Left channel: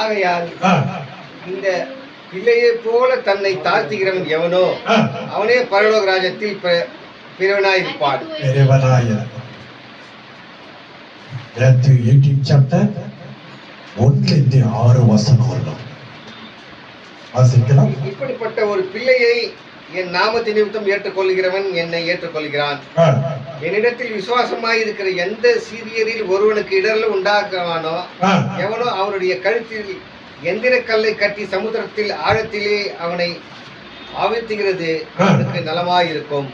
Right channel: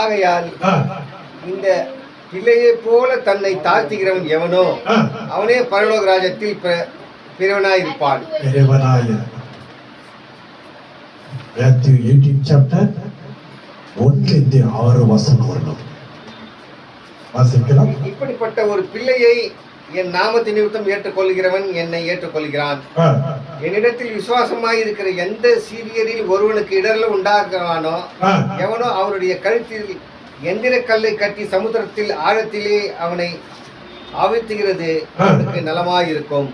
ஆகையால் இந்த பிள்ளையை போல தன்னை தாழ்த்துகிறவன் எவனோ அவனே பரலோக ராஜ்யத்தில் பெரியவனாயிருப்பான். Matthew 18 chapter 1-6 வாசிக்கலாம். இப்படிப்பட்ட ஒரு பிள்ளையை என் நாமத்தின் நிமித்தம் ஏற்றுக்கொள்கிறவன் என்னை ஏற்றுக்கொள்கிறான். என்னிடத்தில் விசுவாசமாய் இருக்கிற எந்த சீரியரில் ஒருவனுக்கு இடர்ல உண்டாக்குவானோ எவனோ அவனுடைய கழுத்தில் எந்திர கல்லை கட்டி சமுத்திரத்தில் ஆழத்திலே அவனை ஆழ்த்துகிறது அவனுக்கு நலமாயிருக்கும்.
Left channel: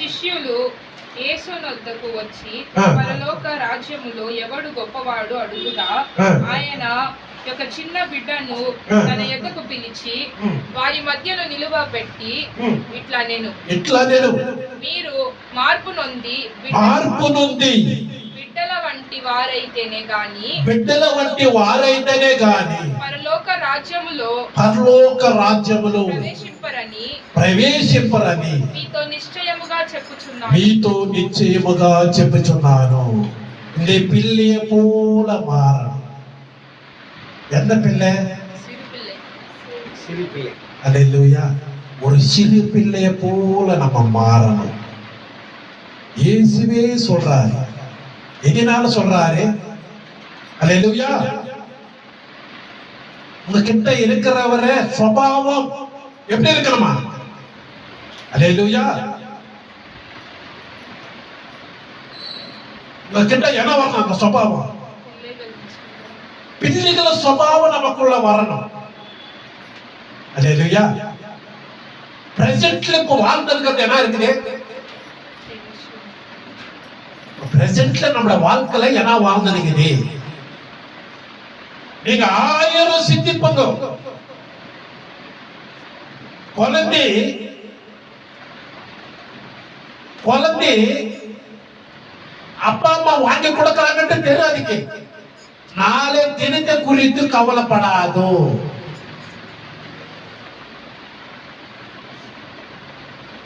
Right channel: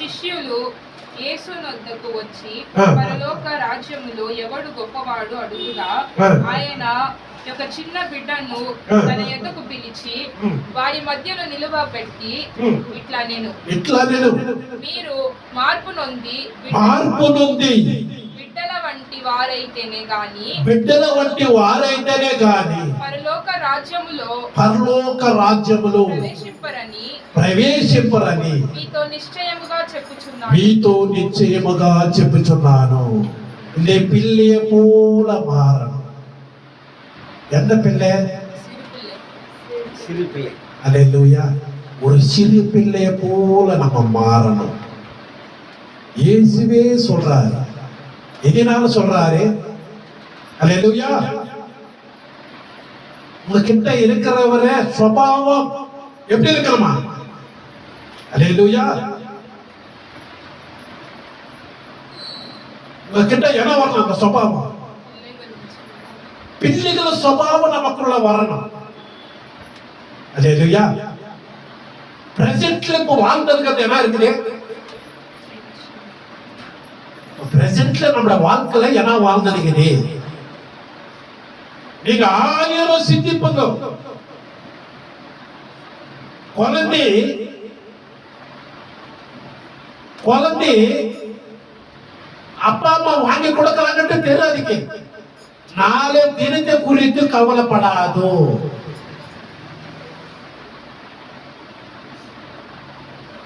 శిష్యులు యేసునొద్దకు వచ్చి పరలోక రాజ్యములో ఎవడు గొప్పవాడు అడుగుగా ఆయన ఒక చిన్న బిడ్డను తన ఎద్దకు పిలిచి వారి మధ్యలో నిలువబెట్టి ఇట్లా నేను మీరు మార్పు నొంది బిడ్డల వంటి వారైతేనే గాని పరలోక రాజ్యములో ప్రవేశింపరని మీతో నిశ్చయముగా చెప్పుచున్నాను. இந்த பிள்ளைய போல மாறணும். என்ன பிள்ளை? சிறு பிள்ளை. அல்லேலூயா. ஒரு சிறு பிள்ளைய போல நம்ம மாறணும். இயேசுவே சொல்றாரு. எதனால சொல்றாரு? அல்லேலூயா. உங்ககிட்ட இருக்கிறவர சுபாவம் எப்படி இருக்கணுமா? அல்லேலூயா. உங்ககிட்ட என்ன வரணும்? அந்த சுபாவம், பிள்ளைகள சுபாவம் நமக்குள்ள வரணும். அல்லேலூயா. பிரசன்ட்ல இப்போ வாழ்ந்ததுக்கு என்ன இருக்குது? பிரசன்ட்ல நம்மள வாழ்க்கையில என்ன வாழ்ந்ததுக்குது? நீங்க 1000 சிந்திப்பங்க. குழந்தை அப்பா அம்மா வாங்கி கொடுக்கறாங்கன்னு தெரியாதுக்கு. நாளை தினத்தை குறித்து கவலைப்படாதோ.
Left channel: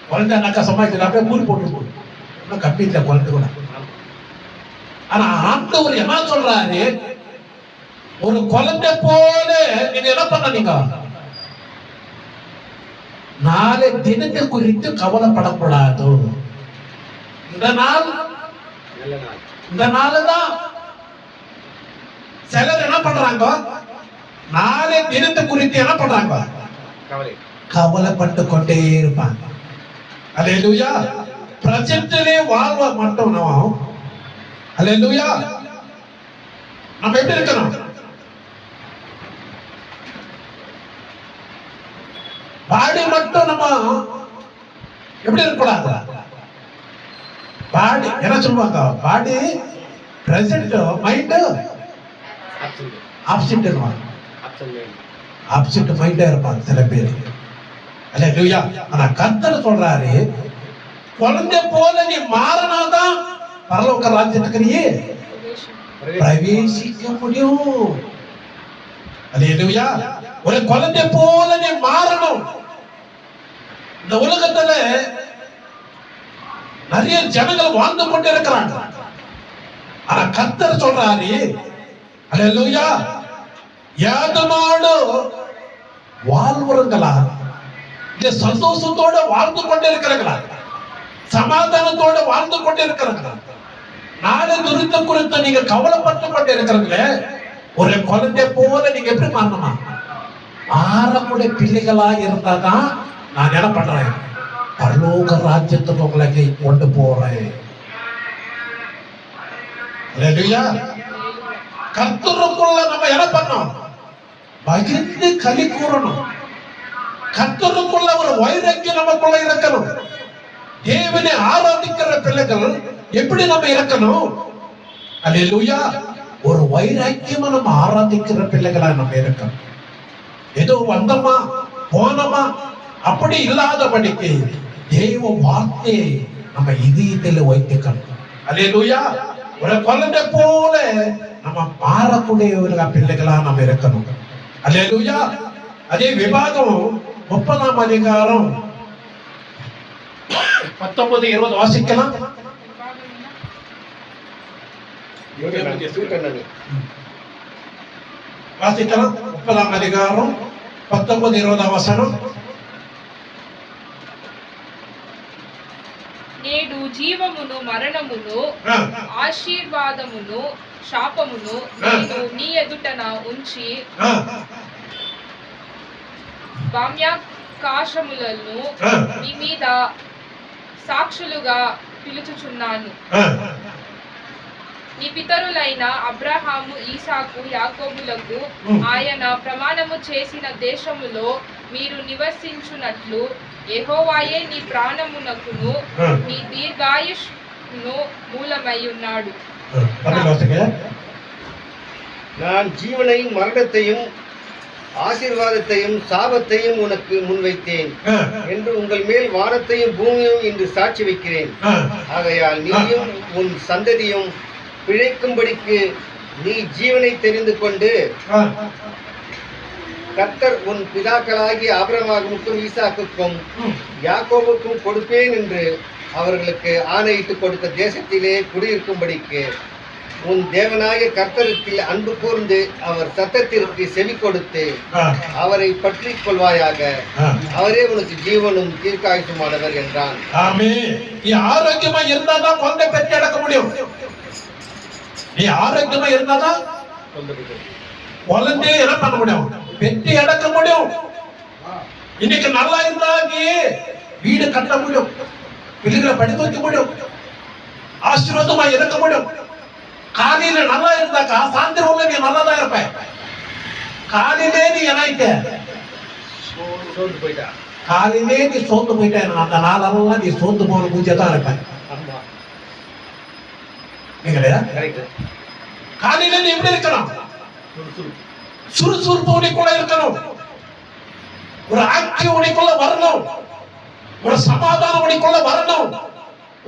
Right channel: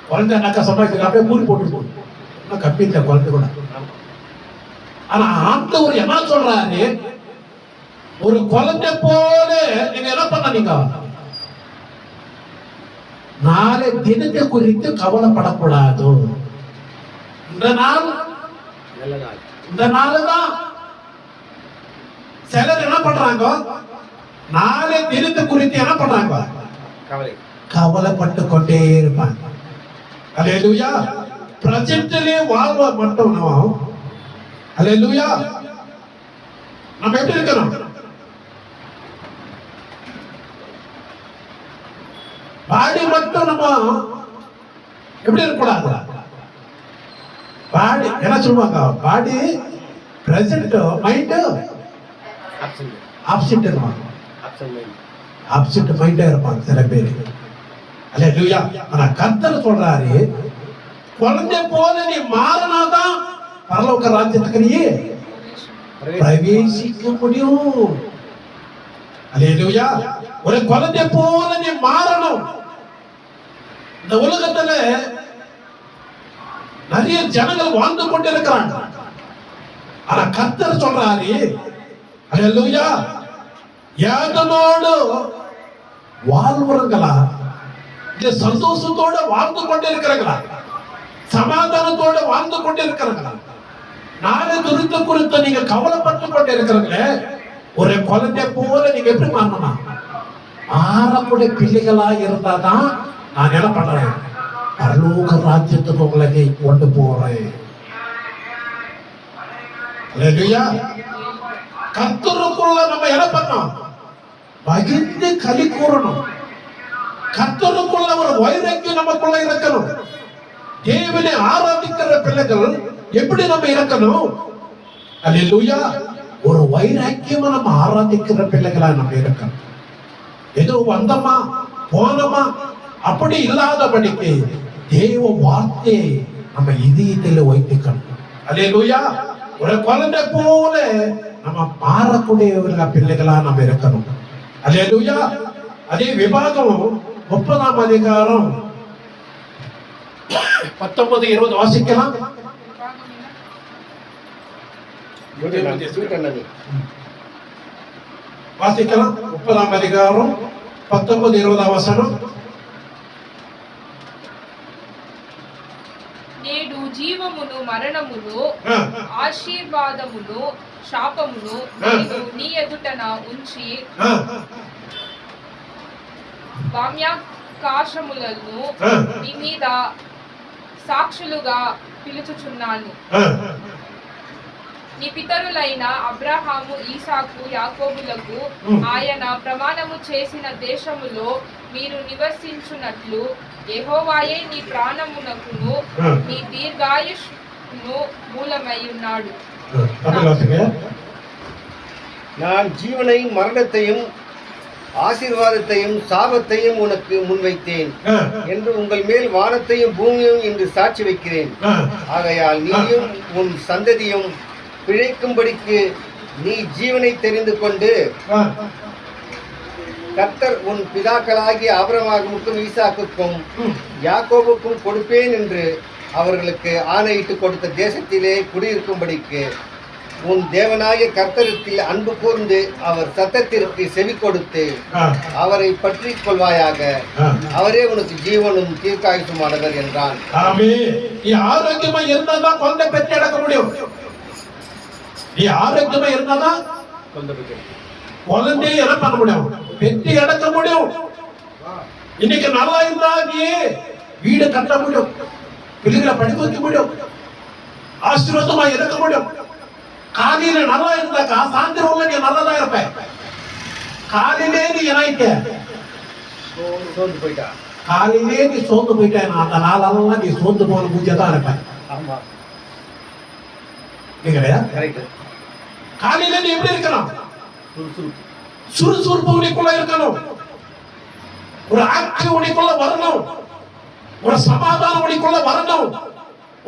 குழந்தை நக்க சமாளிச்சு அப்படியே மூடி போட்டு கப்பிட்ட குழந்தை கூட. ஆனா ஆண்டவர் என்ன சொல்றாரு? ஒரு குழந்தை போல நீங்க என்ன பண்ணீங்க? நாளை தினத்தை குறித்து கவலைப்படக்கூடாது. இந்த நாளுதான் சிலர் என்ன பண்றாங்க? நாளை தினத்தை குறித்து என்ன பண்றாங்க? கவலைப்பட்டு கொண்டே இருப்பாங்க. அல்லேலூயா. பிரசன்ட்லயே வாழ்வ மட்டும் நம்ம அல்லேலூயா நம்ம எப்படி இருக்கணும்? பாடி மட்டும் நம்ம எப்படி இருக்கக்கூடாது? பாடி என்ன சொல்லுவாங்க? பாடி பிரசன்ட், மைண்ட் ஆப்சென்ட் மைண்டா இருப்பாங்க சில பேர். அல்லேலூயா. ஆனா கர்த்தர் சொல்றாரு, குழந்தை போல நீ மாறினாதான் பரலோக ராஜ்யத்துக்கு நீ பிரவேசிக்க முடியும். அல்லேலூயா. ஒரு குழந்தை போல நீ மாறணும். இந்த உலகத்துல நிறைய ஜனங்கள் வாழ்ந்து கொண்டு இருக்கிறாங்க. ஆனா கர்த்தர் சொல்றாரு, அல்லேலூயா, யாதனோடு வாழ்வர்களா இல்ல சந்தோஷத்தோட வாழ்ந்து கொண்டு இருக்கிறாங்களா, சமாதானத்தோட வாழ்ந்து கொண்டு இருக்கிறாங்களா? நாளை குறித்த நீங்க கவலைப்பட்டு கொண்டு இருக்கிறீங்களே, ஒரு குழந்தை போல நீங்க எப்படி மாறணுமா? மாறக்கூடிய பிள்ளைகளா இருந்தாதான் நான் என்ன பண்றேன்? பரலோக ராஜ்யத்துக்கு உங்களை கொண்டு போறேன். கர்த்தருக்குள்ள நம்ம என்ன பண்ணோம்? பகிர்ந்து களி கூறணும். கர்த்தருக்குள்ள ஒரு வைராக்கியம் நமக்குள்ள இருக்கணும். தேவனை ஆராதிக்கிற பிள்ளைகள் எப்படி நம்ம இருக்கணும்? அல்லேலூயா. ஒரு வைராக்கியமா நம்ம ஆராதிக்கிற பிள்ளைகளா நம்ம இருக்கணும். ஏதோ வந்தோமா போனோமா அப்படி இல்லாதபடிக்கு தெய்வ வார்த்தையை நம்ம இதயத்தில் வைத்துக்கணும். அல்லேலூயா. ஒரு குழந்தை போல நம்ம மாறக்கூடியவர்களா பிள்ளைகளா நம்ம இருக்கணும். அல்லேலூயா. அதே விபாகம் 30ஆம் அதிகாரம் 19-20 வாசிக்கலாம். చూడండి. வாசிக்கலாம் 30ஆம் அதிகாரம் 19 20 வசனம். నేడు జీవమును మరణమును ఆశీర్వాదమును శాపమును నేను నీ ఎదుటన ఉంచి వామ్యాకాశములను నీ మీద సాక్షులుగా పిలుచుచున్నాను. నీ పితరులైన అబ్రహాము, ఈసాకు, యాకోబులకు ఆయన ప్రమాణము చేసిన దేశములో మీరు నివసించున్నట్లు యెహోవాయే నీ ప్రాణమునకును నీ దీర్ఘాయుష్ను మూలమై ఉన్నాడు. நான் ஜீவனையும் மரணத்தையும் ஆசீர்வாதத்தையும் சாபத்தையும் உனக்கு முன்வைத்தேன் என்று உங்கள் மேல் வானத்தையும் பூமியையும் இன்று சாட்சி வைக்கிறேன். ஆகையால் நீயும் உன் சந்ததியும் பிழைக்கும்படிக்கு நீ ஜீவனை தெரிந்து கொண்டு கர்த்தர் உன் பிதாக்களாகிய ஆபிரகாமுக்கும் ஈசாக்குக்கும் யாக்கோபுக்கும் கொடுப்பேன் என்று அவர்களுக்கு ஆணையிட்டு கொடுத்த தேசத்திலே குடியிருக்கும்படிக்கு உன் தேவனாகிய கர்த்தரிடத்தில் அன்பு கூர்ந்து அவர் சத்தத்திற்கு செவி கொடுத்து அவரை பற்றிக் கொள்வாயாக. அவரே உனக்கு ஜீவனும் தீர்க்காயுசுமானவர் என்றான். நீ ஆரோக்கியமா இருந்தாதான் குழந்தை பெற்று அடக்க முடியும். நீ ஆரோக்கியமா இருந்தாதான் குழந்தைய என்ன பண்ண முடியும், பெற்று அடக்க முடியும். இன்னைக்கு நல்லா இருந்தா நீ வீடு கட்ட முடியும், பிள்ளைகளை படிக்க வைக்க முடியும், ஆசீர்வாதமா இருக்க முடியும். காலையில நல்லா இருந்தாக்கா சாயந்தரம் நீ நல்லா தான் இருப்ப. காலையிலே நீ என்னாயிட்ட, சோர்ந்து போயிட்டா. காலையிலே நீ சோர்ந்து போயிட்ட, அந்த நாளெல்லாம் நீ சோர்ந்து போன பூஜை தான் இருப்ப. ஆமா, நீங்களா கரெக்ட். காலையில நீ எப்படி இருக்கணும், சுறுசுறுப்பு உனக்குள்ள இருக்கணும், ஒரு ஆக்டிவ் உனக்குள்ள வரணும், ஒரு சமாதானம் உனக்குள்ள வரணும்,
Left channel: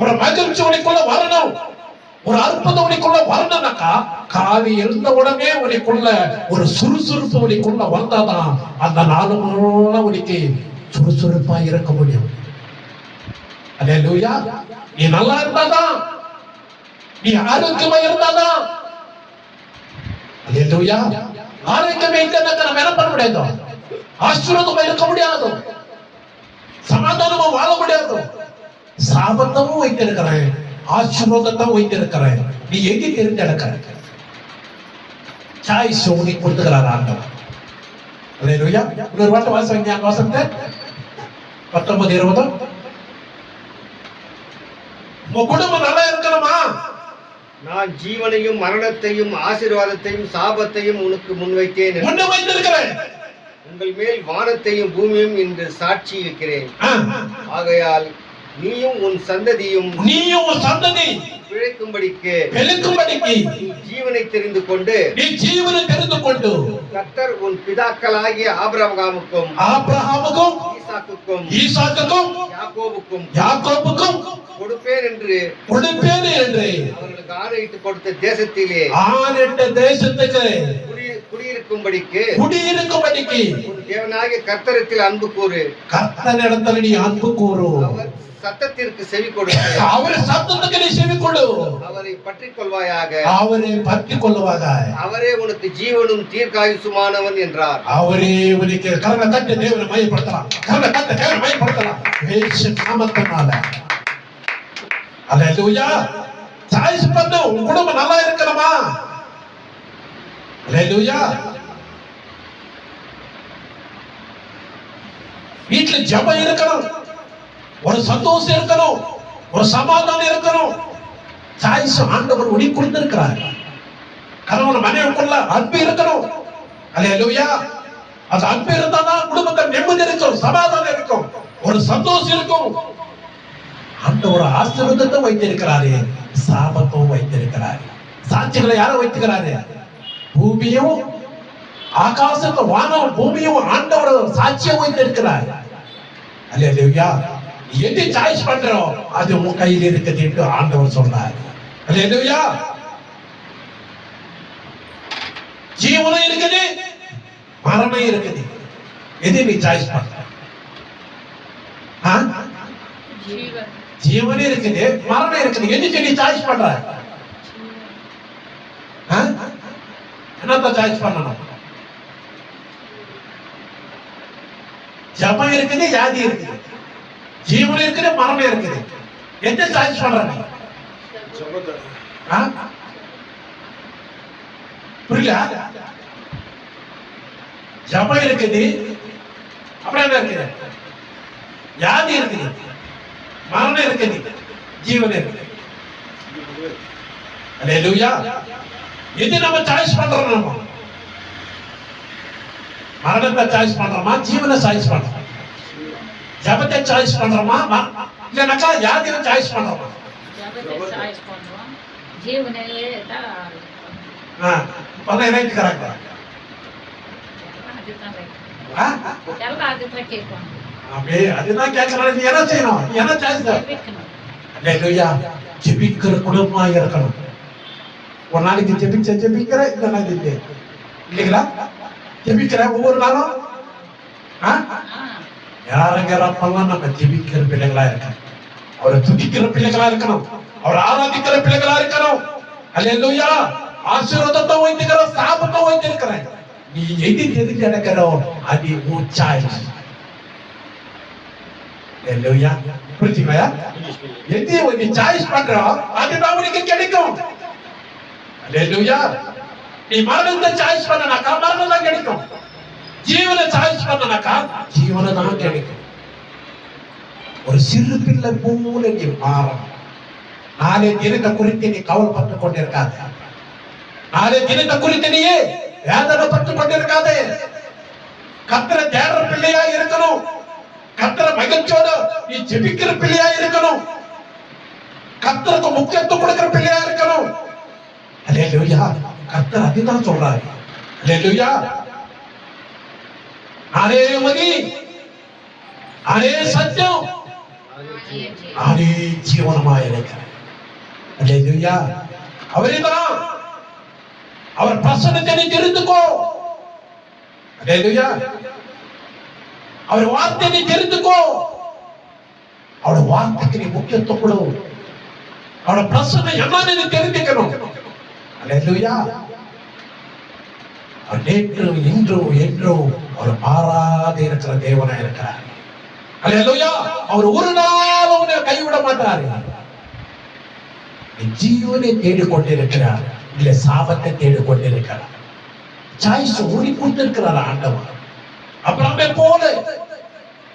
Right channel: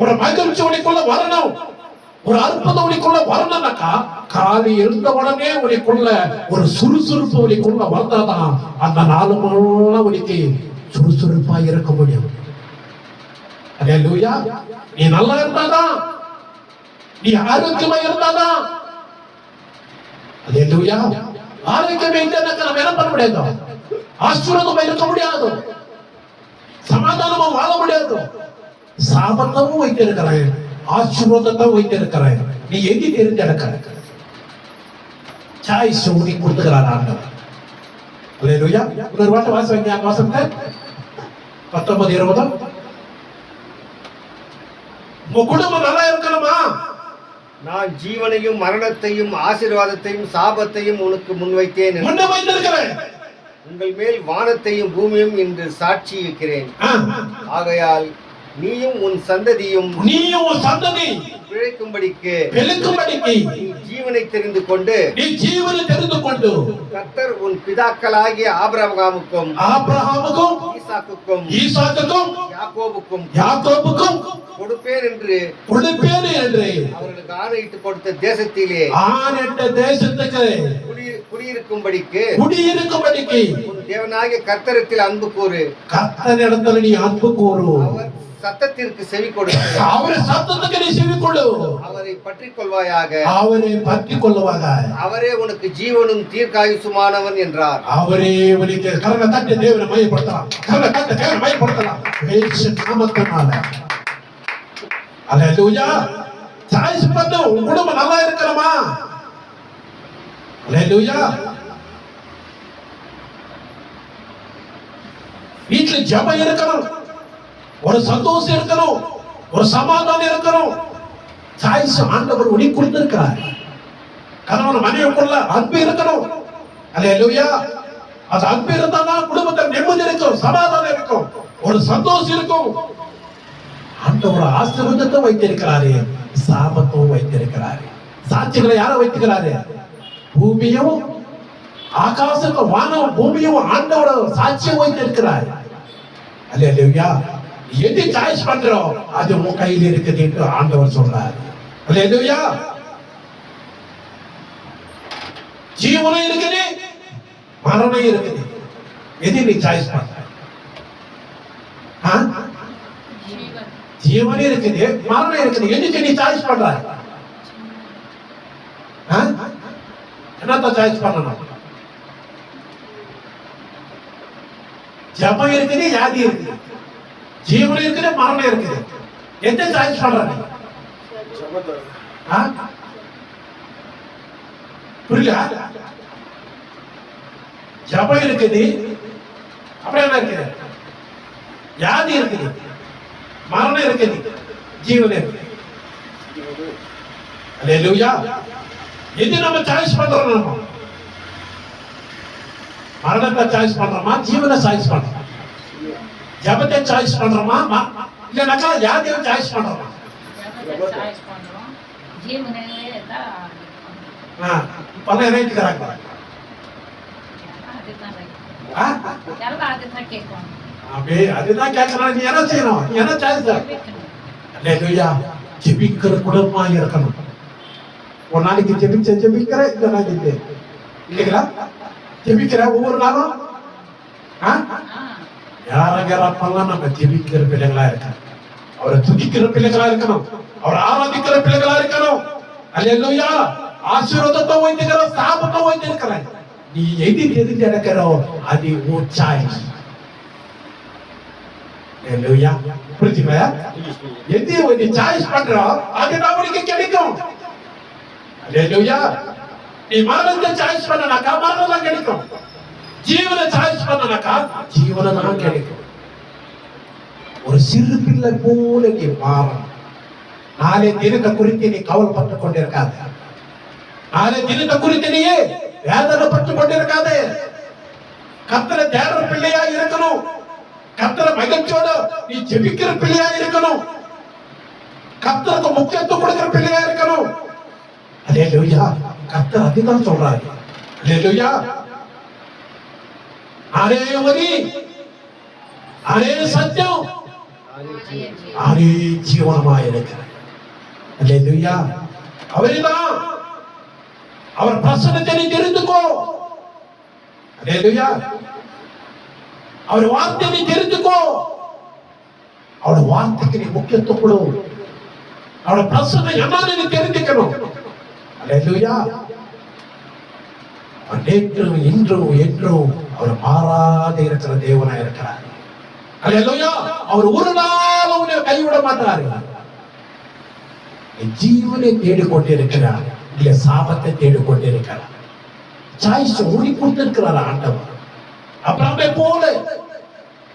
ஒரு மகிழ்ச்சி உனக்குள்ள வரணும், ஒரு அற்புதம் உனக்குள்ள வரணும்னாக்கா காலை எழுந்த உடனே உனக்குள்ள ஒரு சுறுசுறுப்பு உனக்குள்ள வந்தாதான் அந்த நாலு மணி உனக்கு சுறுசுறுப்பா இருக்க முடியும். அல்லேலூயா. நீ நல்லா இருந்தாதான், நீ ஆரோக்கியமா இருந்தாதான். அல்லேலூயா. ஆரோக்கியமா இல்லைன்னாக்கா நம்ம என்ன பண்ண முடியாது, ஆசீர்வாதமா இருக்க முடியாது, சமாதானமா வாழ முடியாது. சாபத்தமும் வைத்திருக்கிறேன், ஆசீர்வாதத்தை வைத்திருக்கிறேன். நீ எங்கே தெரிஞ்செடுக்க சாய்ஸ் உனக்கு கொடுத்துக்கிறார் ஆண்டவர். அல்லேலூயா. ஒரு வார்த்தை வாசிங்க, அந்த வசனத்தை 19 20. உங்க குடும்பம் நல்லா இருக்கணுமா? நான் ஜீவனையும் மரணத்தையும் ஆசீர்வாதத்தையும் சாபத்தையும் உனக்கு முன்வைத்தேன். உங்கள் மேல் வானத்தையும் பூமியும் இன்று சாட்சி வைக்கிறேன். ஆகையால் நீயும் உன் சந்ததி பிழைக்கும்படிக்கு நீ ஜீவனை தெரிந்து கொண்டு கர்த்தர் உன் பிதாக்களாகிய ஆபிரகாமுக்கும் ஈசாக்குக்கும் யாக்கோபுக்கும் கொடுப்பேன் என்று அவர்களுக்கு ஆணையிட்டு கொடுத்த தேசத்திலே குடியிருக்கும்படிக்கு உன் தேவனாகிய கர்த்தரிடத்தில் அன்பு கூறு. கர்த்தரிடத்தில் நீ அன்பு கூறு. சத்தத்திற்கு செவி கொடு. அவரை சத்தத்துக்கு நீ செவி கொடு. அவரை பற்றிக் கொள்வாயாக. அவரை பற்றிக் கொள்வாயாக. அவரே உனக்கு ஜீவனும் தீர்க்காயுசுமானவன் என்றார். அவரே உனக்கு கர்ண கட்ட தேவனை மகிமைப்படுத்தலாம். கர்ண கட்ட தேவனை மகிமைப்படுத்தலாம். இயேசு நாமத்தினால. அல்லேலூயா. சாய்ஸ் பண்ணு. உன் குடும்பம் நல்லா இருக்கணுமா? அல்லேலூயா. வீட்டுல ஜெபம் இருக்கணும், ஒரு சந்தோஷம் இருக்கணும், ஒரு சமாதானம் இருக்கணும். சாய்ஸ் ஆண்டவர் உனக்கு கொடுத்திருக்கிறார். கணவன் மனைவிக்குள்ள அன்பு இருக்கணும். அல்லேலூயா. அது அன்பு இருந்தாதான் குடும்பத்தில் நிம்மதி இருக்கும், சமாதானம் இருக்கும், ஒரு சந்தோஷம் இருக்கும். ஆண்டவர் ஆசீர்வாதத்தை வைத்திருக்கிறாரு, சாபத்தும் வைத்திருக்கிறாரு. சாட்சிகளை யாரும் வைத்திருக்கிறாரு? பூமியும் ஆகாசத்தும் வானம் பூமியும் ஆண்டவர் சாட்சியம் வைத்திருக்கிறார். அல்லேலூயா. எது சாய்ஸ் பண்றோம் அது உன் கையில் இருக்குது என்று ஆண்டவர் சொல்றார். அல்லேலூயா. ஜீவனும் இருக்குது, மரணம் இருக்குது. எது நீ சாய்ஸ் பண்ற? ஜீவனே இருக்குது, மரணம் இருக்குது. எதுக்கு நீ சாய்ஸ் பண்ற? என்னத்த சாய்ஸ் பண்ணணும்? ஜபம் இருக்குது, வியாதி இருக்குது, ஜீவன் இருக்குது, மரணம் இருக்குது. எந்த சாய்ஸ் பண்ற? புரியல? ஜபம் இருக்குது, அப்புறம் என்ன இருக்குது? வியாதி இருக்குது, மரணம் இருக்குது, ஜீவன் இருக்குது. அல்லேலூயா. எது நம்ம சாய்ஸ் பண்றோம்? நம்ம மரணத்தை சாய்ஸ் பண்றோமா, ஜீவனை சாய்ஸ் பண்றோமா? ஜபத்தை சாய்ஸ் பண்றோமா, இல்லைனாக்கா வியாதியை சாய்ஸ் பண்றோமா? பல ரைட்டுக்கிறாங்க. அப்படியே அதுதான் கேட்கறாங்க. நீ என்ன செய்யணும்? நீ என்ன சாய்ஸ்? அல்லேலூயா. ஜெபிக்கிற குடும்பமா இருக்கணும். ஒரு நாளைக்கு ஜெபிக்கிற இந்த நாளைக்கு இல்லைங்களா? ஜெபிக்கிற ஒவ்வொரு நாளும் யாரெல்லாம் நம்ம ஜெபிக்கிற பிள்ளைகளா இருக்கணும். அவரை துதிக்கிற பிள்ளைகளா இருக்கணும். அவரை ஆராதிக்கிற பிள்ளைகளா இருக்கணும். அல்லேலூயா. ஆசீர்வாதத்தை வைத்துக்கிற சாபத்தை வைத்திருக்கிறேன். நீ எது நடக்கிறோ அது உன் சாய்ஸ். அல்லேலூயா. புரியுதுங்களா? எது நீ சாய்ஸ் பண்றோ அதுதான் உனக்கு கிடைக்கும். அல்லேலூயா. நீ மரணத்தை சாய்ஸ் பண்ணனாக்கா மரணம் தான் கிடைக்கும். ஜீவனை சாய்ஸ் பண்ணனாக்கா ஜீவனை தான் கிடைக்கும். ஒரு சிறு பிள்ளை போல நீ மாறணும். நாளை தினத்தை குறித்து நீ கவலைப்பட்டுக் கொண்டிருக்காது. நாளை தினத்தை குறித்து நீயே வேதனைப்பட்டுக் கொண்டிருக்காது. கர்த்தரை தேடுற பிள்ளையா இருக்கணும். கர்த்தரை மகிழ்ச்சியோட நீ ஜெபிக்கிற பிள்ளையா இருக்கணும். கர்த்தருக்கு முக்கியத்துவம் கொடுக்கிற பிள்ளையா இருக்கணும். அல்லேலூயா. கர்த்தர் அதுதான் சொல்றாரு. அல்லேலூயா. அரே வழி, அரே சத்தியம், அரே ஜீவனமாய் இருக்கிறார். அல்லேலூயா. அவரேதான். அவர் பிரசன்னத்தை நீ தெரிந்துக்கோ. அல்லேலூயா. அவர் வார்த்தை நீ தெரிந்துக்கோ. அவருடைய வார்த்தைக்கு நீ முக்கியத்துவம் கொடு. அவருடைய பிரசன்னம் என்னன்னு நீ தெரிஞ்சுக்கணும். அல்லேலூயா. நேற்றும் இன்றும் என்றும் அவர் மாறாத இருக்கிற தேவனா இருக்கிறார். அல்லேலூயா. அவர் ஒரு நாள் உன்னை கைவிட மாட்டார். ஜீவனை தேடிக்கொண்டிருக்கிறார், இல்ல சாபத்தை தேடிக்கொண்டிருக்கிறார். சாய்ஸ் உனக்கு கொடுத்திருக்கிறார் ஆண்டவர். அப்ரஹாமை போல,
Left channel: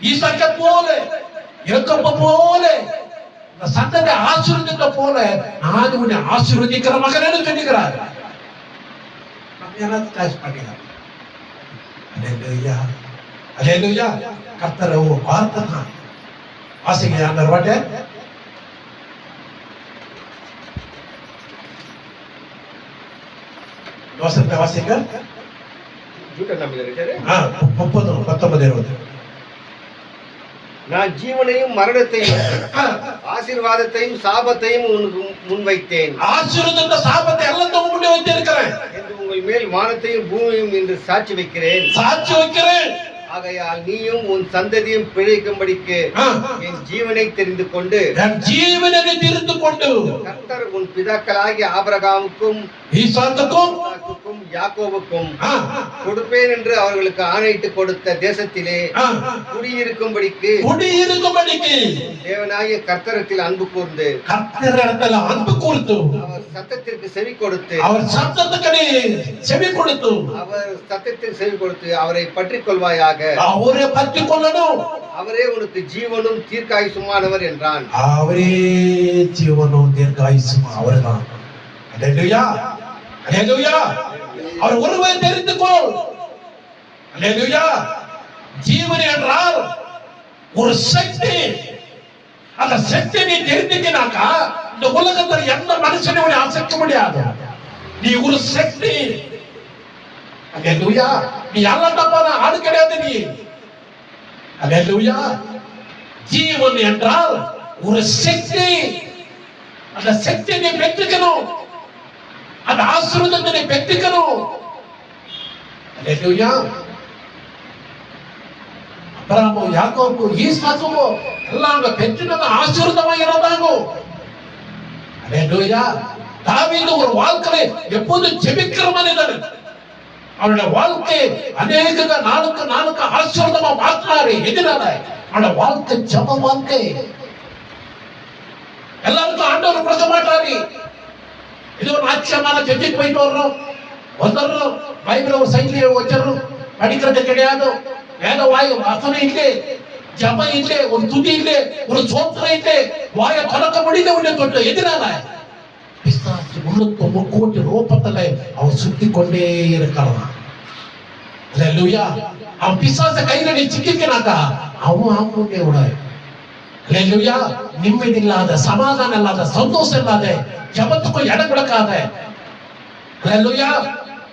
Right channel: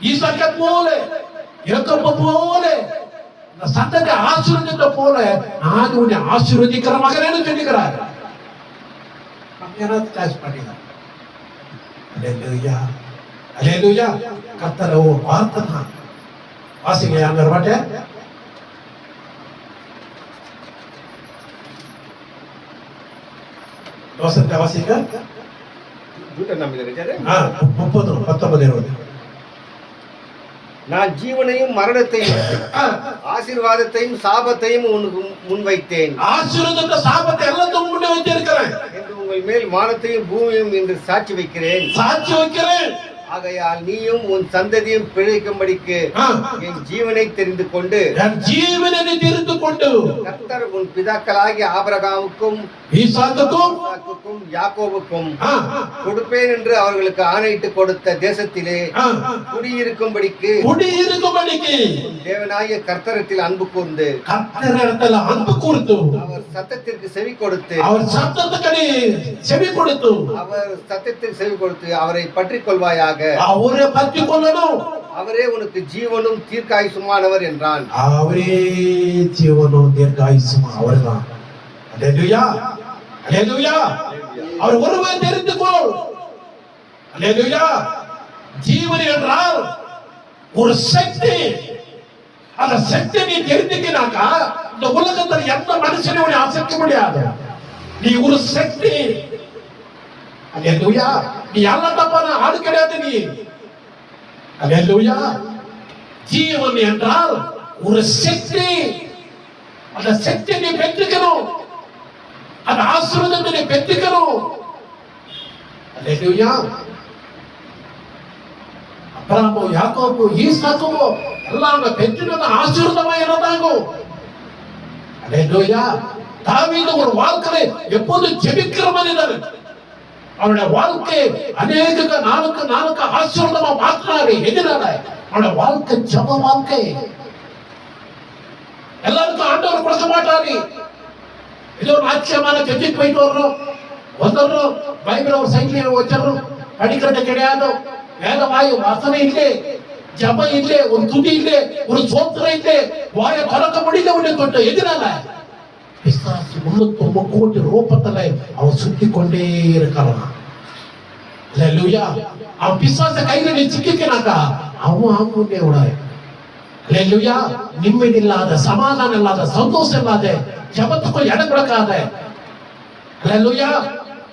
ஈசாக்கை போல, யாக்கோபை போல, சந்தத்தை ஆசீர்வதித்த போல நான் உன்னை ஆசீர்வதிக்கிற மகனேன்னு சொல்லுகிறார். சாய்ஸ் பண்ணிக்கிறார். அல்லேலூயா. அல்லேலூயா. கர்த்தர் ஒரு வார்த்தை தான். வாசிங்க அந்த வார்த்தை. வசனத்தை வாசிக்க. 30-19. நான் ஜீவனையும் மரணத்தையும் ஆசீர்வாதத்தையும் சாபத்தையும் உனக்கு முன்வைத்தேன். ஆசீர்வாதத்தை சாபத்தை எல்லாத்தையும் முன்னே வைத்திருக்கிறேன் என்று உங்கள் மேல் வானத்தையும் பூமியும் என்று சாட்சி வைக்கிறேன். ஆகையால் நீயும் உன் சந்ததியும் பிழைக்கும்படிக்கு என் ஜீவனை தெரிந்து கொண்டு கர்த்தர் உன் பிதாக்களாகிய ஆபிரகாமுக்கும் ஈசாக்குக்கும் யாக்கோபுக்கும் கொடுப்பேன் என்று அவர்களுக்கு ஆணையிட்டு கொடுத்த தேசத்திலே குடியிருக்கும்படிக்கு தேவனாகிய கர்த்தரத்தில் அன்பு கூர்ந்து அவர் சத்தத்திற்கு செவி கொடுத்து அவரை பற்றிக் கொள்வாயாக. அவரை பற்றி கொள்ளணும். அவரே உனக்கு ஜீவனும் தீர்க்காயுசுமானவர் என்றான். அவரே ஜீவனும் தீர்க்காயுசும் அவர்தான். அல்லேலூயா. அல்லேலூயா. அவர் ஒருவரை தெரிந்துக்கோ. அல்லேலூயா. ஜீவன் என்றால் ஒரு சக்தி. அந்த சக்தி நீ தெரிந்துக்கினாக்கா இந்த உலகத்தில் எந்த மனுஷனையும் அசைக்க முடியாது. நீ ஒரு சக்தி. அல்லேலூயா. நீ எல்லாம் தப்பான ஆடு கிடையாது நீ. அல்லேலூயா. ஜீவன் என்றால் ஒரு சக்தி. அந்த சக்தியை நீ பெற்றுக்கணும். அந்த ஆசீர்வாதத்தை நீ பெற்றுக்கணும். அல்லேலூயா. அப்ரஹாமோ யாக்கோபு ஈசாக்கோ எல்லாம் பெற்றுனது ஆசீர்வாதமா இருந்தாங்க. அல்லேலூயா. தாவீது ஒரு வாழ்க்கையை எப்போது ஜெபிக்கிற மனிதர். அவருடைய வாழ்க்கை அநேக நாளுக்கு ஆசீர்வாதமா மாத்தினாரு. எதிராக அவருடைய வாழ்க்கை ஜப வாழ்க்கை. எல்லாருக்கும் ஆண்டவர் கொடுக்க மாட்டாரு. ஏதோ ஒரு ஆச்சரியமான சர்ச்சுக்கு போயிட்டு வந்துடுறோம், பைபிள ஒரு சைட்ல வச்சிடறோம், படிக்கிறது கிடையாது, வேத வாயு வசனம் இல்லை, ஜபம் இல்லை, ஒரு துதி இல்லை, ஒரு சோத்திரம் இல்லை, வாயை திறக்க முடியல தொட்டு. எதிரான பிசாசு 309 கோடி ரூபத்துல அவன் சுத்தி கொண்டே இருக்கிறான். அல்லேலூயா. அவன் பிசாச கையில நீ சிக்கினாக்கா அவன் விடாது. அல்லேலூயா. நிம்மதி இல்லாத, சமாதானம் இல்லாத, சந்தோஷம் இல்லாத, ஜபத்துக்கும் இடம் கொடுக்காத, அல்லேலூயா,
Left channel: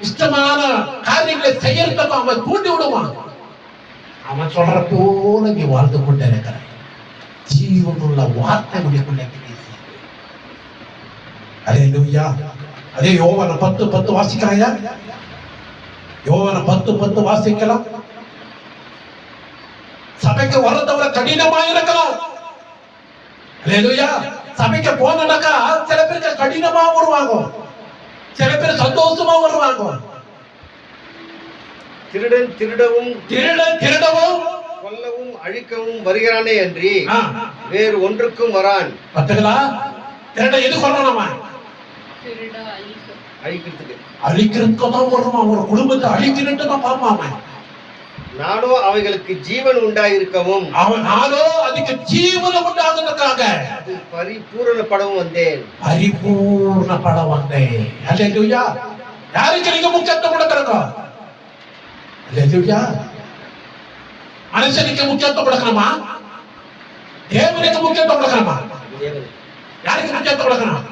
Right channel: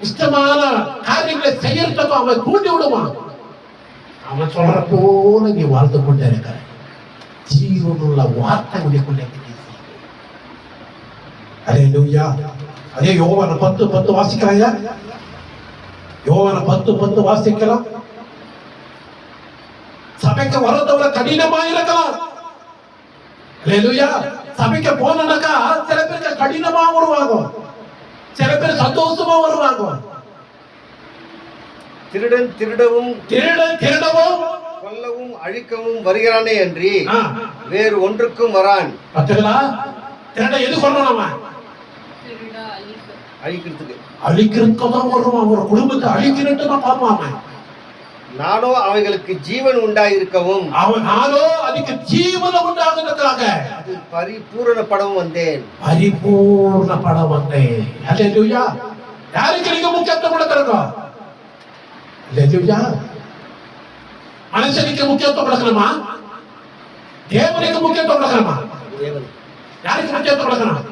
இஷ்டமான காரியங்களை செய்யறதுக்கும் அவன் தூண்டி விடுவான். அவன் சொல்ற போல நீ வாழ்ந்து கொண்டே இருக்கிற ஜீவனுள்ள வார்த்தை உடையக்குள்ளே. அல்லேலூயா. அதே யோவான் 10:10 வாசிக்கிறாயா? யோவான் 10:10 வாசிக்கலாம். சபைக்கு வரதோட கடினமா இருக்கலாம். அல்லேலூயா. சபைக்கு போனாக்கா சில பேருக்கு கடினமா வருவாங்க, சில பேர் சந்தோஷமா வருவாங்க. திருடன் திருடவும் கொல்லவும் அழிக்கவும் வருகிறானே அன்றி வேறு ஒன்றுக்கும் வரான். திருடன் எது சொல்லணுமா? அழிக்கிறதுக்கு தான் வருவான். ஒரு குடும்பத்தை அழிக்கிறதுக்கு தான் பார்ப்பான். நானோ அவைகளுக்கு ஜீவன் உண்டாயிருக்கவும் நானோ அதுக்கு ஜீவன் உண்டாகிறதுக்காக அது பரிபூரணப்படவும் வந்தேன். பரிபூர்ணப்பட வந்தேன். அல்லேலூயா. யாருக்கு நீங்க முக்கியத்துவம் கொடுக்கறதோ? அல்லேலூயா. மனுஷனுக்கு முக்கியத்துவம் கொடுக்கணுமா? தேவனுக்கு முக்கியத்துவம் கொடுக்கணுமா? யாருக்கு முக்கியத்துவம் கொடுக்கணும்?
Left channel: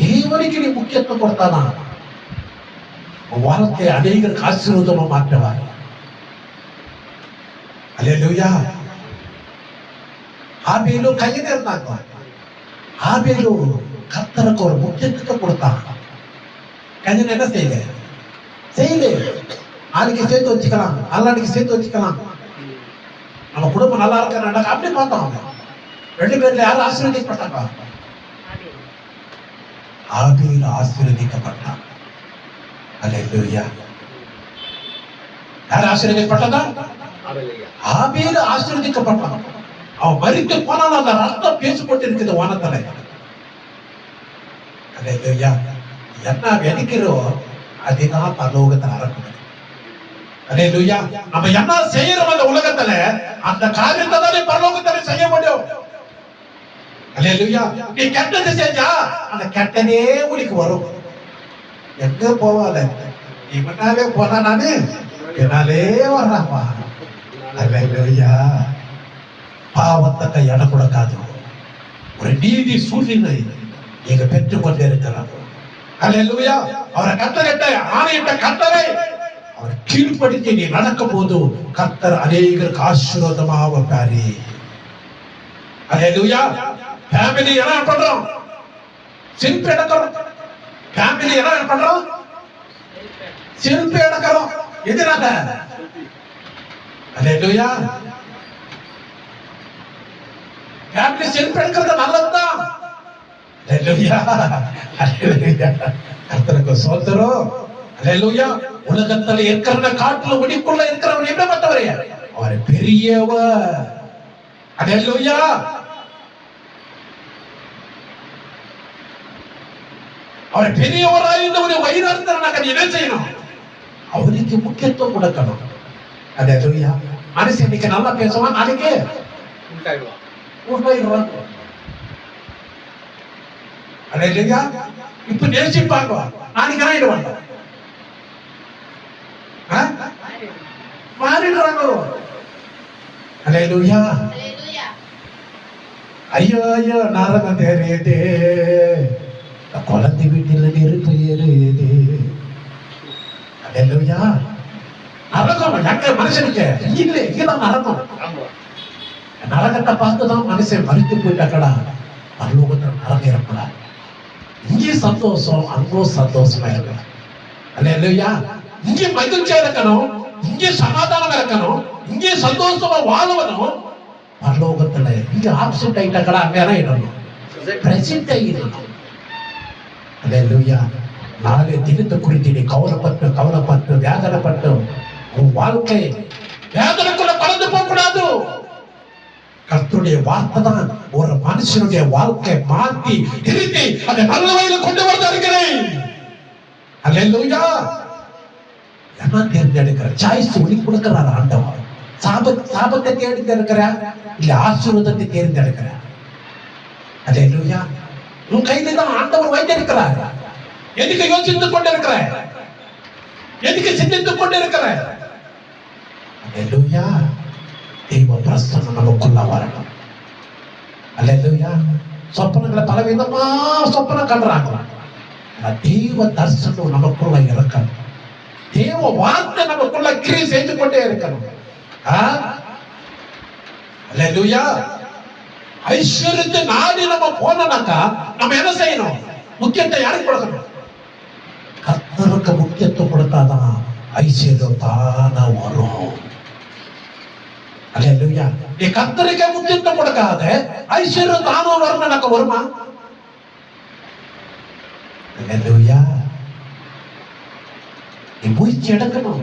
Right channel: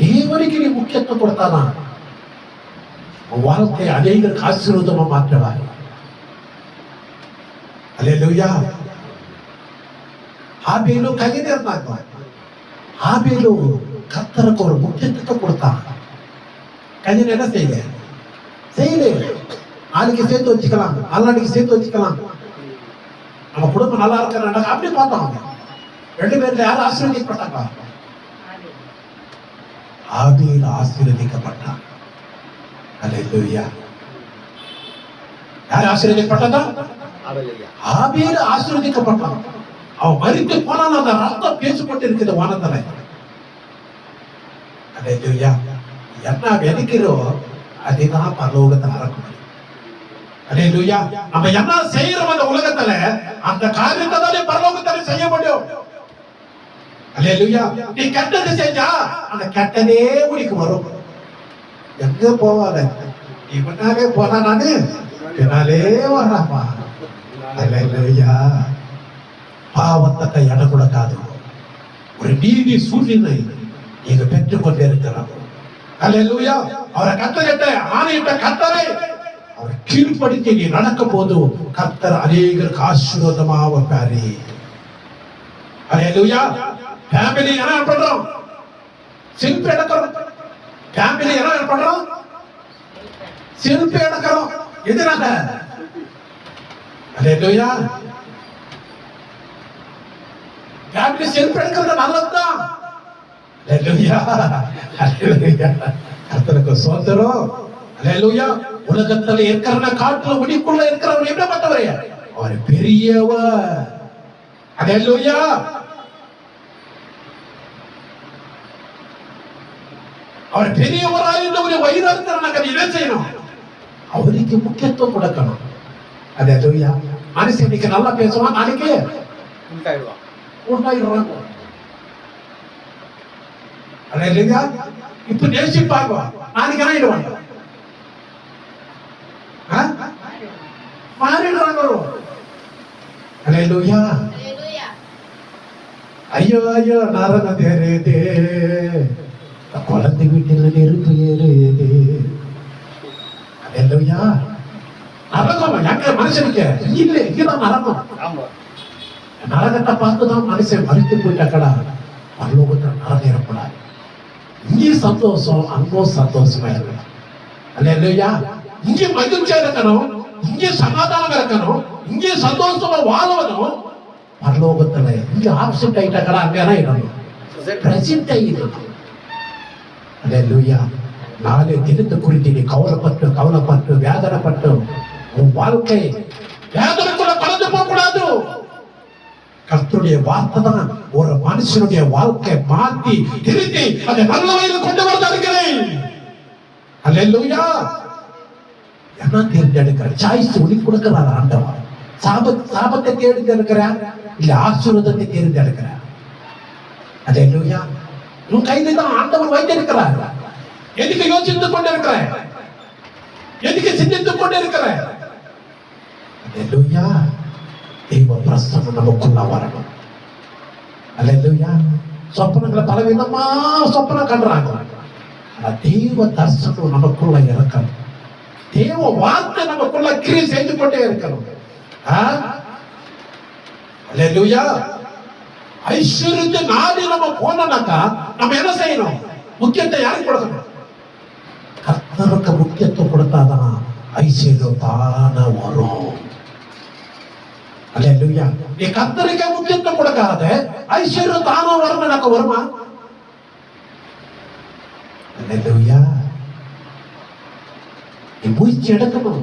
தேவனுக்கு நீ முக்கியத்துவம் கொடுத்தானா வாழ்க்கை அநேகருக்கு ஆசீர்வாதமா மாற்றுவாய். அல்லேலூயா. ஆபேலு கையில இருந்தாங்க. ஆபேலு கர்த்தருக்கு ஒரு முக்கியத்துவத்தை கொடுத்தான். கையில என்ன செய்யல நாளைக்கு சேர்த்து வச்சுக்கலாம், நாளைக்கு சேர்த்து வச்சுக்கலாம், நம்ம குடும்பம் நல்லா இருக்கிற அப்படி பார்த்தோம். 2 பேர்ல யாரும் ஆசீர்வதிக்கப்பட்டாங்க? ஆபேல் ஆசீர்வதிக்கப்பட்டான். அல்லேலூயா. யார் ஆசீர்வதிக்கப்பட்டாங்க? ஆபேல் ஆசீர்வதிக்கப்பட்டான். அவன் மரித்து போனாலும் அந்த ரத்தம் பேசப்பட்டு இருக்குது வானத்துல. அல்லேலூயா. என்ன விதைக்கிறோம் அதுதான் பரலோகத்தை அறக்கும். அல்லேலூயா. நம்ம என்ன செய்யறோம் அந்த உலகத்துல அந்த காரியத்தை தான் பரலோகத்துல செய்ய முடியும். அல்லேலூயா. நீ கெட்டது செஞ்சா அந்த கெட்டதே உனக்கு வரும். எங்க போவால நீ முன்னாலே போனா நானு பின்னாலே வர்றாப்பா. அல்லேலூயா. பாவத்தை இடம் கொடுக்காது. ஒரு நீதி சூழ்நிலை நீங்க பெற்றுக் கொண்டே இருக்கிறோம். அல்லேலூயா. அவரை கத்தரிட்ட ஆணையிட்ட கத்தரை அவர் கீழ்படுத்தி நீ நடக்கும் போது கர்த்தர் அநேகருக்கு ஆசீர்வாதமா வைப்பாரு. அல்லேலூயா. ஃபேமிலி என்ன பண்றோம்? செல்ஃபி எடுக்கிறோம். ஃபேமிலி என்ன பண்றோம்? செல்ஃபி எடுக்கிறோம். எதுனால? அல்லேலூயா. ஃபேமிலி செல்ஃபி எடுக்கிறது நல்லதுதான். அல்லேலூயா. அல்லேலூயா. கர்த்தருக்கு ஸ்தோத்திரம். அல்லேலூயா. உலகத்துல இருக்கிற காட்டுல வெடிக்குள்ள இருக்கிறவன் என்ன பண்றவரே? அவர் பெரியவர். அல்லேலூயா. அவர் பெரியவராயிருந்த ஒரு வைராக்கியனாக நீ என்ன செய்யணும்? அவருக்கு முக்கியத்துவம் கொடுக்கணும். அல்லேலூயா. மனுஷன் இன்னைக்கு நல்லா பேசுவான், நாளைக்கு உண்டாயிடுவான். அல்லேலூயா. இப்ப நேசிப்பாங்க, நாளைக்கு ஆயிடுவாங்க, மாறிடுவாங்க. அல்லேலூயா. ஐயோ ஐயோ நரகம் தெரியுது, குழந்தை வீட்டில் நெருப்பு ஏறுது. அல்லேலூயா. நரகம் எங்க மனுஷனுக்கு இல்லை, இதுதான் நரகம். நரகத்தை பார்த்துதான் மனுஷன் மறுத்து போயிட்டாக்கடா. பரலோகத்தில் நரகம் ஏற்படாது. இங்கே சந்தோஷம், அங்கோ சந்தோஷமா இருக்கு. அல்லேலூயா. இங்கே மகிழ்ச்சியா இருக்கணும், இங்கே சமாதானம் இருக்கணும், இங்கே சந்தோஷமா வாழணும். பரலோகத்துல இங்க ஆப்சென்ட் ஆயிட்டாக்கடா, அங்க என்ன பிரசித்த இது. அல்லேலூயா. நாளை தினத்தை குறித்து நீ கவலைப்பட்டு வேதனைப்பட்டு உன் வாழ்க்கை வேதனைக்குள்ள கலந்து போக கூடாது. கர்த்தருடைய வார்த்தை தான் ஒரு மனுஷனுடைய வாழ்க்கை மாற்றி திருத்தி அதை நல்ல வழியில் கொண்டு வந்திருக்கிறேன். அல்லேலூயா. என்ன தேர்ந்தெடுக்கிற சாய்ஸ் உனக்கு கொடுக்கிறார் ஆண்டவர். சாபத்தை தேர்ந்தெடுக்கிறா இல்ல ஆசீர்வாதத்தை தேர்ந்தெடுக்கிறா? அல்லேலூயா. உன் கையில தான் ஆண்டவர் வைத்திருக்கிறார். எதுக்கு யோசித்துக் கொண்டிருக்கிற? எதுக்கு சிந்தித்துக் கொண்டிருக்கிற? அல்லேலூயா. தெய்வ பிரசன்னம் நமக்குள்ள வரணும். அல்லேலூயா. சொப்பனங்களை பலவிதமா சொப்பனம் கண்டுறாங்க. தெய்வ தரிசனம் நமக்குள்ள இருக்கணும். தேவ வார்த்தை நமக்குள்ள கிரியை செய்து கொண்டே இருக்கணும். அல்லேலூயா. ஐஸ்வர்யத்தை நாடி நம்ம போனோம்னாக்கா நம்ம என்ன செய்யணும்? முக்கியத்தை யாருக்கு கொடுக்கணும்? கர்த்தருக்கு முக்கியத்துவம் கொடுத்தாதான் ஐஸ்வர்யம் தானா வரும். அல்லேலூயா. நீ கர்த்தருக்கு முக்கியத்துவம் கொடுக்காத ஐஸ்வர்யம் தானா வரும் எனக்கு வருமா? அல்லேலூயா. நீ முயற்சி எடுக்கணும்.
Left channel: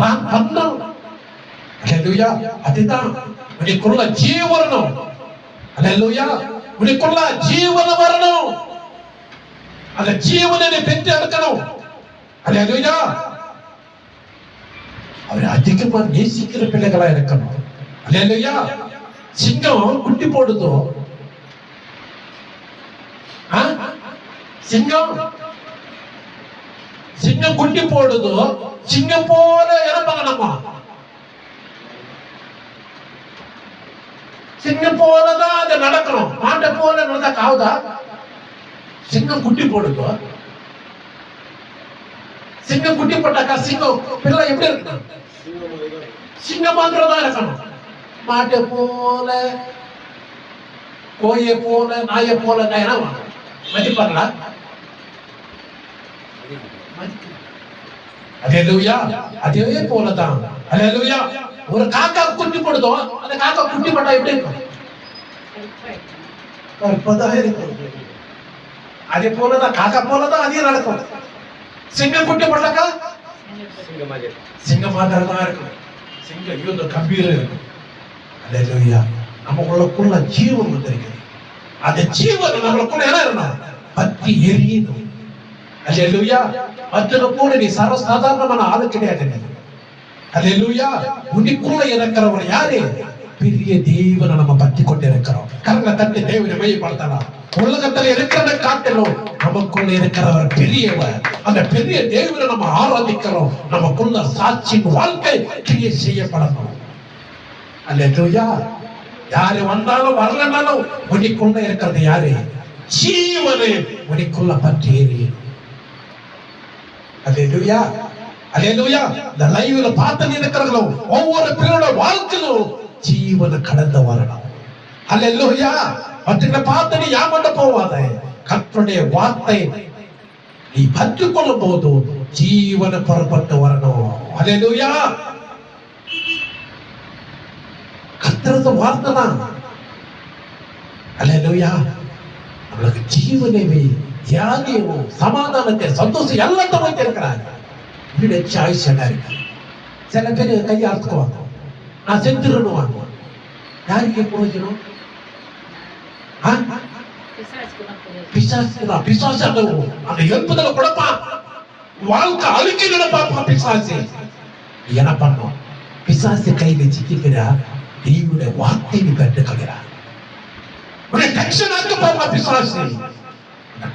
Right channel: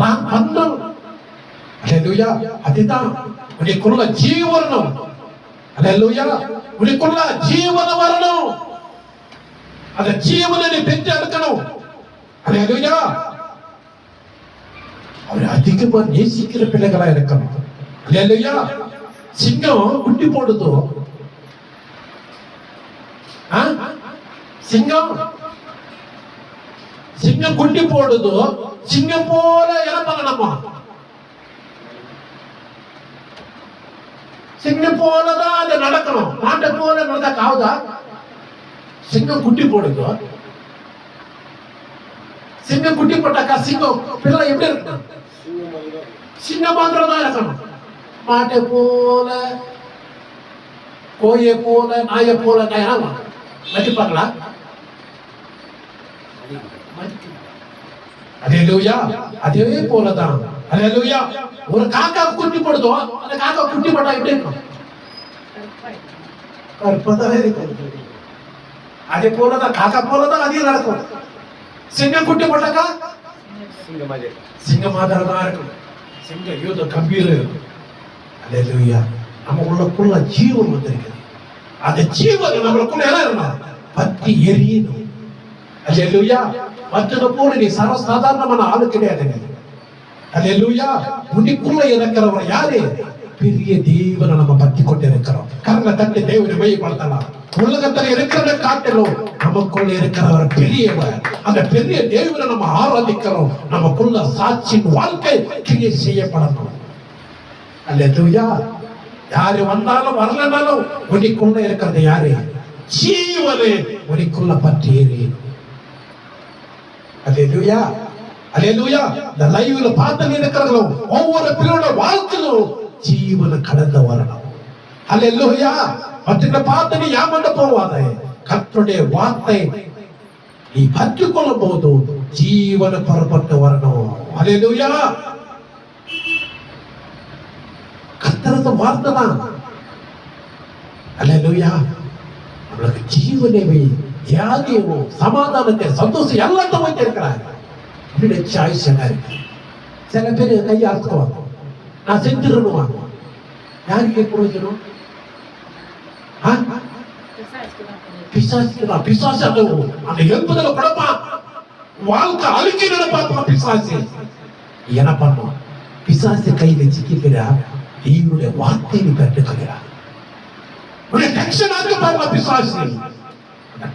நான் பண்ணணும். அல்லேலூயா. அதுதான் உனக்குள்ள ஜீவனம். அல்லேலூயா. உனக்குள்ள ஜீவனம் வரணும். அந்த ஜீவனை நீ பெற்று எடுக்கணும். அல்லேலூயா. அவர் அதிகமா நேசிக்கிற பிள்ளைகளா இருக்கணும். அல்லேலூயா. சிங்கம் குட்டி போடுதோ? சிங்கம் குட்டி போடுதோ? சிங்கம் போல இறப்பாங்க நம்ம. சிங்கம் போலதான் அது நடக்கணும். மாட்டை போல நடந்தா காவுதா? சிங்கம் குட்டி போடுதோ? சிங்கம் குட்டி போட்டாக்கா சிங்கம் பிள்ளை எப்படி இருக்கணும்? சிங்கம் மாத்திரம் தான் இருக்கணும். மாட்டை போல கோயை போல நாயை போல மதிப்பாங்களா? அல்லேலூயா. அதே போலதான் அல்லேலூயா. ஒரு காக்கா குட்டி போடுதோ? அந்த காக்கா குட்டி போட்டா எப்படி இருக்கும்? கற்பதான் இருக்கும். அதே போலதான் காக்கா போலதான் அதே நடக்கும். சிங்கம் குட்டி போட்டாக்கா சிங்கம் மாதிரி தான் இருக்கும். சிங்கம் யூத கம்பீர இருக்கும். அல்லேலூயா. நமக்குள்ள ஜீவன் வந்திருக்குது. அந்த ஜீவன் நம்மளுக்குள்ள என்ன இருக்கணும்? பத்தி எரியணும். அல்லேலூயா. மற்றத போல நீ சர்வசாதாரணமான ஆளு கிடையாது. அல்லேலூயா. உனக்குள்ள இருக்கிறவர் யாரு? பெரிய தேவனை நம்ம பற்றி கொண்டு இருக்கிறோம். கரங்களை தட்டி தேவனை மையப்படுத்தலாம். உலகத்தில் இருக்கிறத காட்டிலும் நமக்குள்ள இருக்கிறவர் பெரியவர். அந்த பெரிய தேவனை நம்ம ஆராதிக்கிறோம். நமக்குள்ள சாட்சியின் வாழ்க்கை கிரியை செய்யப்படணும். அல்லேலூயா. யாரு வந்தாலும் வரலனாலும் உனக்குள்ள இருக்கிறது யாரு? ஜீவனை உனக்குள்ள பற்றி எரியணும். அல்லேலூயா. அல்லேலூயா. இந்த லைவ்ல பார்த்து இருக்கிறவங்களும் ஒவ்வொரு பிள்ளையோட வாழ்க்கையிலும் ஜீவனை கடந்து வரணும். அல்லேலூயா. மற்றவங்களை பார்த்து நீ ஏமாந்து போவாத. கர்த்தருடைய வார்த்தை நீ கற்றுக்கொள்ளும் போது ஜீவனை புறப்பட்டு வரணும். அல்லேலூயா. கர்த்தரது வார்த்தை தான். அல்லேலூயா. நம்மளுக்கு ஜீவனை வியாதியமோ சமாதானத்தை சந்தோஷம் எல்லாத்தையும் வைத்திருக்கிறாங்க. சாய்ஸ் என்ன இருக்கு? சில பேர் கையை அறுத்துக்குவாங்க. நான் செத்துருவாங்க. யாருக்கு பிரயோஜனம்? பிசாசுக்கு தான். பிசாசு அந்த எழுப்புதல படப்பான். வாழ்க்கை அழுக்கி நடப்பான் பிசாசு. என்ன பண்ணும்? பிசாசு கையில சிக்கிக்கிறா. தேவனுடைய வார்த்தையை கற்றுக்கிறார். டென்ஷன் ஆக்க பிசாசு.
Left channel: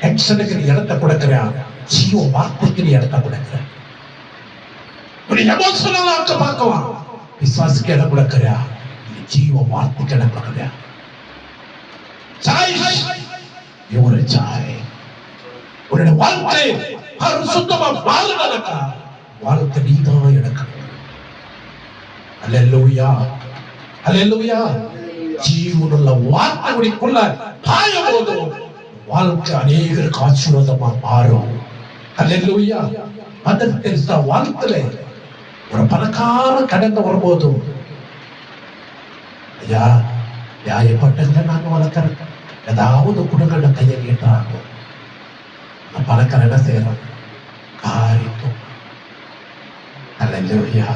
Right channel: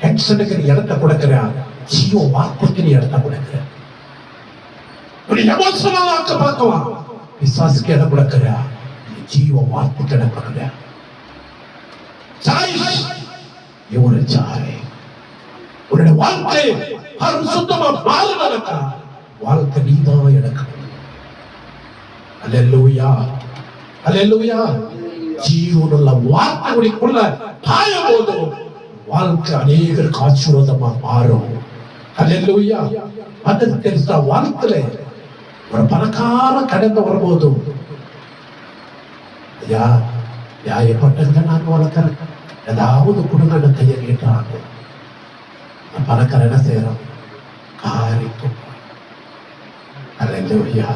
டென்ஷனுக்கு நீ இடத்தை கொடுக்கிறா. ஜீவ வார்த்தைக்கு நீ இடத்தை கொடுக்கிற. எமோஷனல் ஆக்க பார்க்கலாம். பிசாசுக்கு இடம் கொடுக்கிறா. ஜீவ வார்த்தைக்கு இடம் கொடுக்கிற. உன்னுடைய வாழ்க்கை சுத்தமா மாறுதா? வாழ்க்கை நீதான் எடுக்கணும். அல்லேலூயா. அல்லேலூயா. ஜீவனுள்ள வார்த்தை உனக்குள்ள பாயும் போது வாழ்க்கை அநேகருக்கு ஆசீர்வாதமா மாறும். அல்லேலூயா. மதர் தெரேசா வாழ்க்கையில ஒரு பணக்கார கடந்து வரும்போதும் ஐயா நியாயப்பட்டதை நான் வளர்க்கிறேன், ஏதாவது குடும்ப கையை கேட்டாங்க. பணக்காரன் என்ன செய்யறோம்? காரியம். அல்லேலூயா.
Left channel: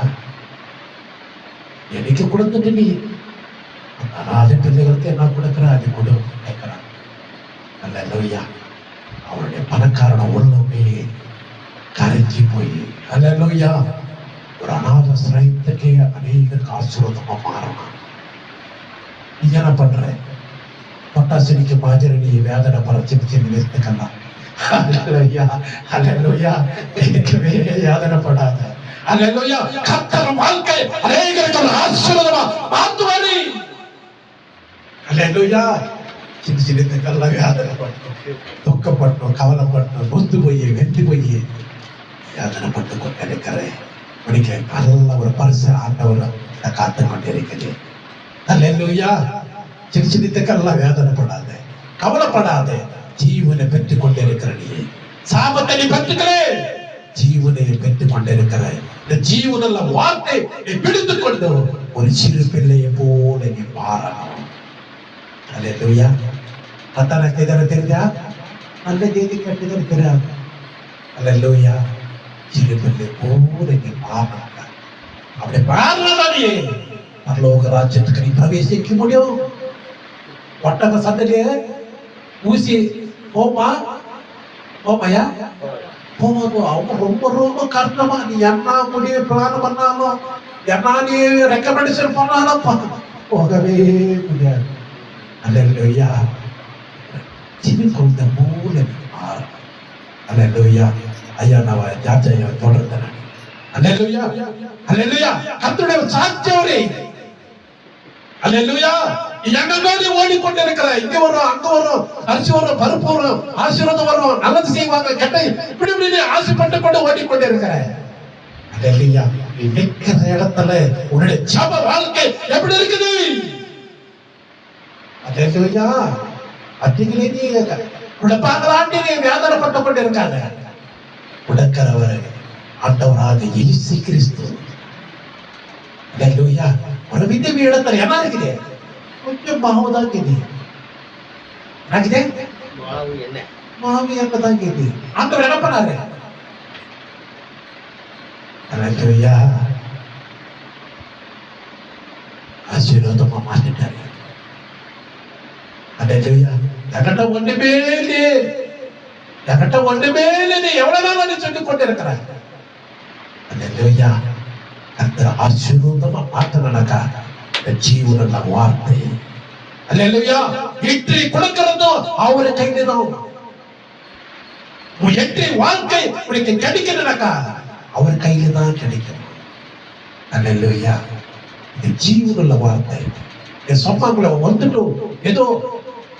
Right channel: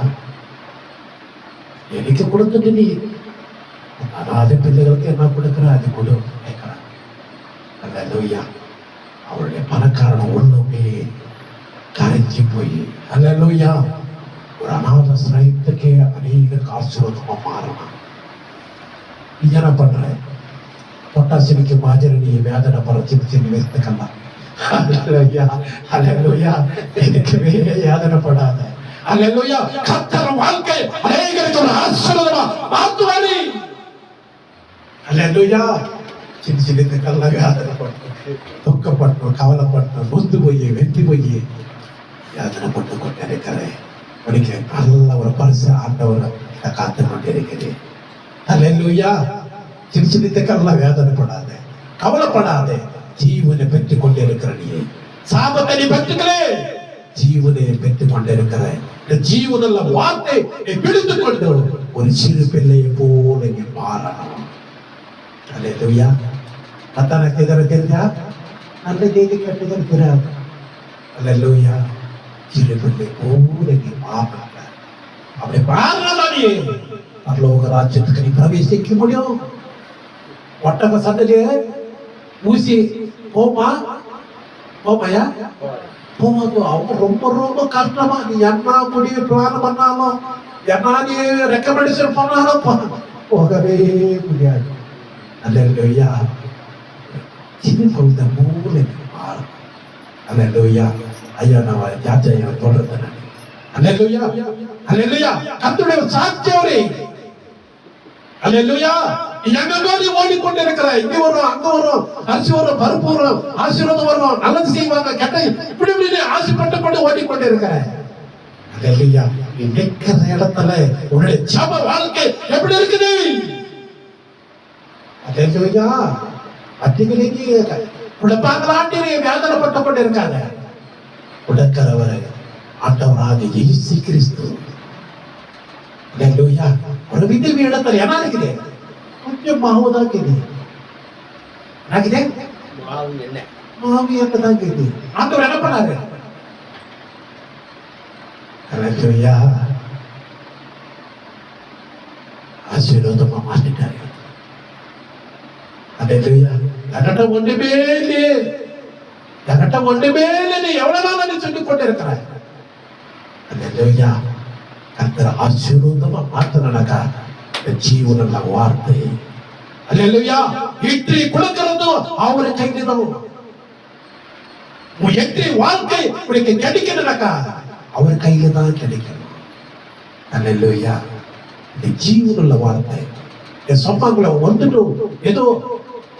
எனக்கு கொடுத்துட்டு நீ அனாதை பிள்ளைகளுக்கு என்ன கொடுக்குற அது கொடு கேட்கிறான். அல்லேலூயா. அவருடைய பணக்காரன உள்ளமே கரைஞ்சி போய் அல்லேலூயா ஒரு அநாத சிரயத்துக்கே அநேக ஆசீர்வாதமா மாறணும். நீ என்ன பண்ற? பட்டாசிரிக்கு மாதிரி நீ வேதனை பரச்சிருச்சு நினைத்துக்கலாம். அல்லேலூயா அல்லேலூயா. எனக்குவே வேதனைப்படாத. அல்லேலூயா. கர்த்தர் வாழ்க்கை அநேகருக்கு ஒரு ஆசீர்வாதமா மாத்துவாரு. அல்லேலூயா. சின்ன சின்னத்துக்கெல்லாம் வேதனைப்பட்டோம், துக்கப்பட்டோம், கவலைப்பட்டோம், நொந்து போய் வெந்து போய் வேதனைப்பட்டு கொண்டு இருக்கிறேன். படிக்க நல்ல ஒரு பரிசு ஆண்டவர் காத்து கொண்டு இருக்கிறேன். அல்லேலூயா. சின்ன சின்னத்துக்கெல்லாம் வேதனைப்படாத, கவலைப்படாத. ஜீவனை பெற்றுக் கொண்டிருக்கிற நீ சாபத்தை நீ பெற்றுக்கிறே, ஜீவனை பெற்றுக் கொண்டிருக்கிற இந்த ஜீவனுள்ள வார்த்தை நீ பிடித்துக் கொண்டு ஒரு சிறு பிள்ளையை போல நீ மாறணும். அல்லேலூயா. அத்தனை தெரிஞ்சா நல்ல செய்தி கேட்டுதான் தெரியாது. அல்லேலூயா. சிறு பிள்ளை போல நீ மாறணும். அப்படி மாறினாதான் நீ பரலோக ராஜ்யத்துக்கு நீ பிரவேசிக்க முடியும். ஒட்டக சந்ததியே ஊசி போமா போமையா போவாங்க. அவங்க ரொம்ப ரொம்ப கஷ்டமா நீ என்ன முடிவு பிளான் பண்ணாலும் என்ன நீ ரெக்கமெண்டேஷன் பண்ணாலும் போகவே முடியாது. அல்லேலூயா. சின்ன குழந்தை மூல மாறும். அல்லேலூயா. ஐயா நான் ஜாஜையா தொடர்ந்தேன். அல்லேலூயா அல்லேலூயா. கர்த்தருடைய சாட்சியவரே. அல்லேலூயா. எங்கெல்லாம் ஓடிக்கொண்டிருக்கிற இங்க வரும் அங்க வரும் அரிசி வரும் பருப்பு வரும் ஆசீர்வாதம் வரும் நல்லது செய்வாங்க கெட்ட இப்படி இப்படி ஆசைப்பட்டு கொண்டு ஓடிக்கொண்டிருக்கிற அல்லேலூயா. நிற்கிற இடத்துல உன்னுடைய ஜப வாழ்க்கை எப்படி இருக்குது? அல்லேலூயா. அதிகளே நீ உடப்பாங்களாண்டி நீ வேதனைப்பட்டு கொண்டு இருக்காங்க. உடக்கிறவர் ஆண்டவராக இயேசு கிறிஸ்து. அல்லேலூயா. ஒரு விதவி இடத்துல என்ன இருக்குது? கொஞ்சம் மாவுதான் கேது. மாவு என்னதான் கேது. ஆண்டவர் என்ன பண்ணாரு? அல்லேலூயா. ஆசீர்வாதமா மாத்திட்டாரு. அல்லேலூயா. என்கிட்ட ஒண்ணுமே இல்லையே, என்கிட்ட ஒண்ணுமே இல்லை, எவ்வளவு நாள் நீ சொல்லிக் கொண்டிருக்கிறாய். அல்லேலூயா. கர்த்தர் ஆசீர்வாதமா மாத்தினாக்கா ஜீவனுள்ள வார்த்தை. அல்லேலூயா. இற்றி கொடுக்கிறதும் அவரு கையில்தான். உன் எற்றி வாழ்க்கை உனக்கு கிடைக்கணும்னாக்கா அவர் கையில தான் கிடைக்கணும். அல்லேலூயா. இந்த ஜீவனுள்ள வார்த்தை இந்த சொன்னாங்கள வந்துட்டு ஏதோ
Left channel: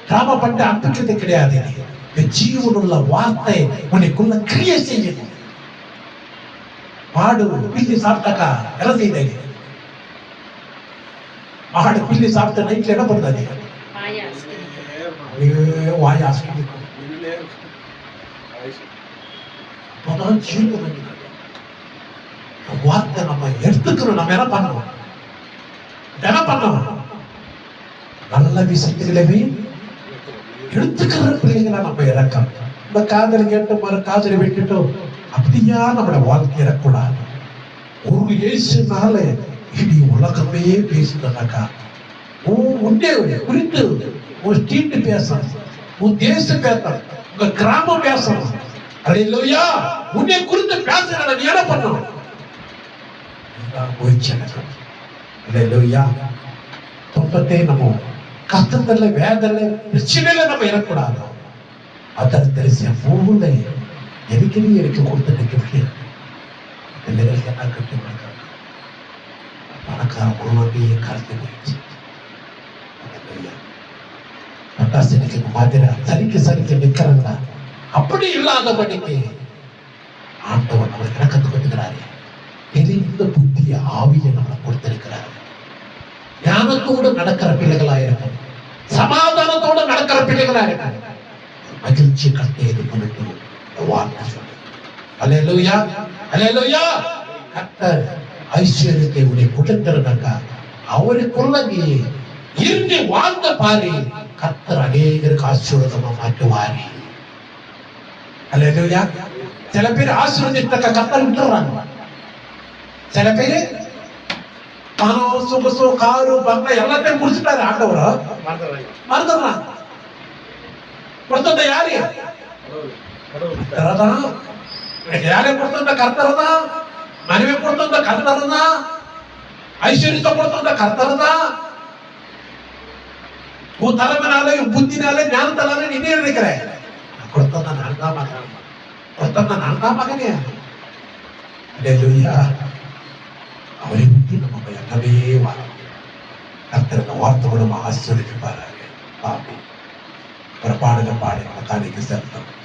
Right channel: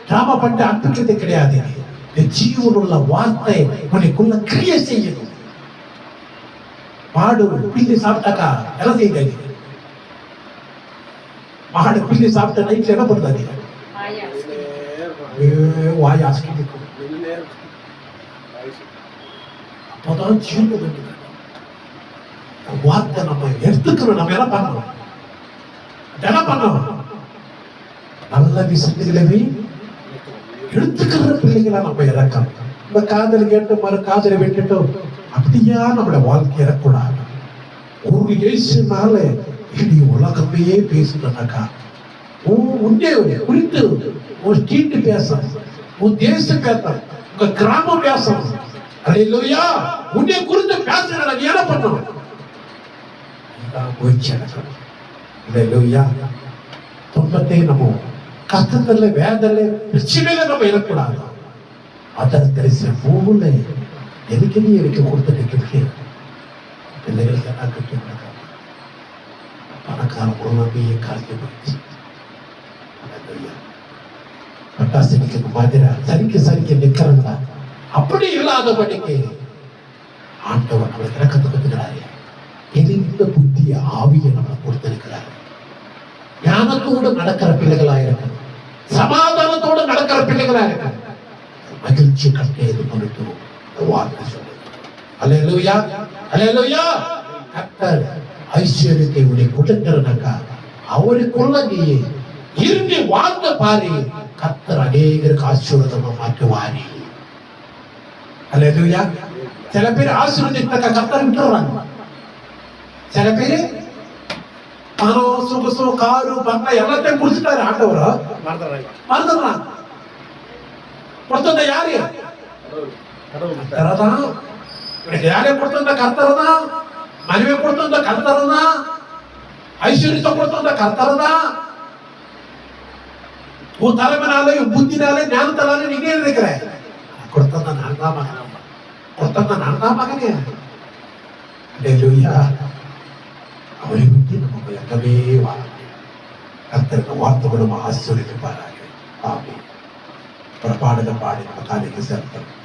டிராமா பண்ண அனுப்பிக்கிறது கிடையாது. இந்த ஜீவனுள்ள வார்த்தை உனக்குள்ள கிரியை செய்யணும். மாடு பில்லி சாப்பிட்டாக்கா என்ன செய்யுது? மாடு பில்லி சாப்பிட்ட நைட்ல என்ன பண்ணுறது? வாய் ஆஸ்கிக்கும். அப்பதான் ஜீவன் வார்த்தை நம்ம எடுத்துக்கணும். நம்ம என்ன பண்ணணும்? என்ன பண்ணணும்? நல்ல விஷயத்திலே எடுத்துக்கிற பிள்ளைகளா நம்ம இறக்கணும். இந்த காதல் கேட்டு மறு காதலை விட்டுட்டோம் அப்படியா நம்மளோட வாழ்க்கை இறக்கூடாது. ஒரு இயேசுனால இனி உலகமே பேசுனாக்கா உன்னே குறித்து ஒரு ஸ்ட்ரீட் பேசணும், உன் தேசம் பேசணும், உங்க கிராமம் பேசணும். அல்லேலூயா. உன்னை குறித்து பேசுறத நீ என்ன பண்ணணும்? அல்லேலூயா. துன்பத்தை நம்ம கஷ்டத்துல வேதனை பிரச்சனையில நம்ம இறக்கூடாது. அதற்கு தெரிச போல எதுக்குமே எனக்கு கொடுத்துட்டு பிள்ளைகளுக்கு என்ன கட்டி கொடுக்க பணக்கார பொருளையே காலத்தை போயிடுச்சு. பட்டாசனிக்கு மாதிரி சரிக்கு நிற்கிறாங்களா? அப்படி இல்லாதபடிக்கு ஆண்டவர் நம்ம இறக்கத்தை கொடுக்கிறாரு. தெரிந்த புத்திய ஆவியை நம்ம கொடுத்திருக்கிறாரு. ஞானத்தோடு நடக்கிற பிள்ளைகளா இருக்கணும், சமாதானத்தோடு நடக்கிற பிள்ளைகளா இருக்கணும். மகிழ்ச்சி கட்டை இது பண்ணிட்டு வார்த்தை சொல்லு. அல்லேலூயா அல்லேலூயா. கர்த்தர் ஐஸ்வர்யத்தை உடைய கொடுக்கிறனாக்கா அவருக்குள்ள நீ இருந்து வாழ்ந்த பாரு. கர்த்தர் அநேகருக்கு ஆசீர்வாதமா மாற்றுவாரு. அல்லேலூயா. சில பேர் ஆசீர்வதித்த கர்த்தர் விட்டுறாங்க. சில பேரு பணம், சொகுசு, காரு, பங்களா எல்லாத்தையும் குடிச்சிட்டாரு ஆண்டவர், மறந்துடுறாங்க. கொடுத்தது யாரு? கர்த்தர் தான். இவனுக்கு யாரையும் கொடுத்தது கர்த்தர் தான். மனைவி கொடுத்தது கர்த்தர் தான். ஐஸ்வர்யத்தை கொடுத்தது கர்த்தர் தான். உன் தலைமைனால, உன் புத்தினால, ஞானத்தால நீ நினைக்கிற கொடுத்தா நான் தான் மகன், கொடுத்தா நான் தான் மகனே. அல்லேலூயா. அவரை விட்டு நம்ம எங்கவே வாங்க. கர்த்தர் வார்த்தையோடு ஆசீர்வதிப்பாராக. ஆமென். பாடலை பாடி நம்ம காலைக்கு செலுத்தணும்.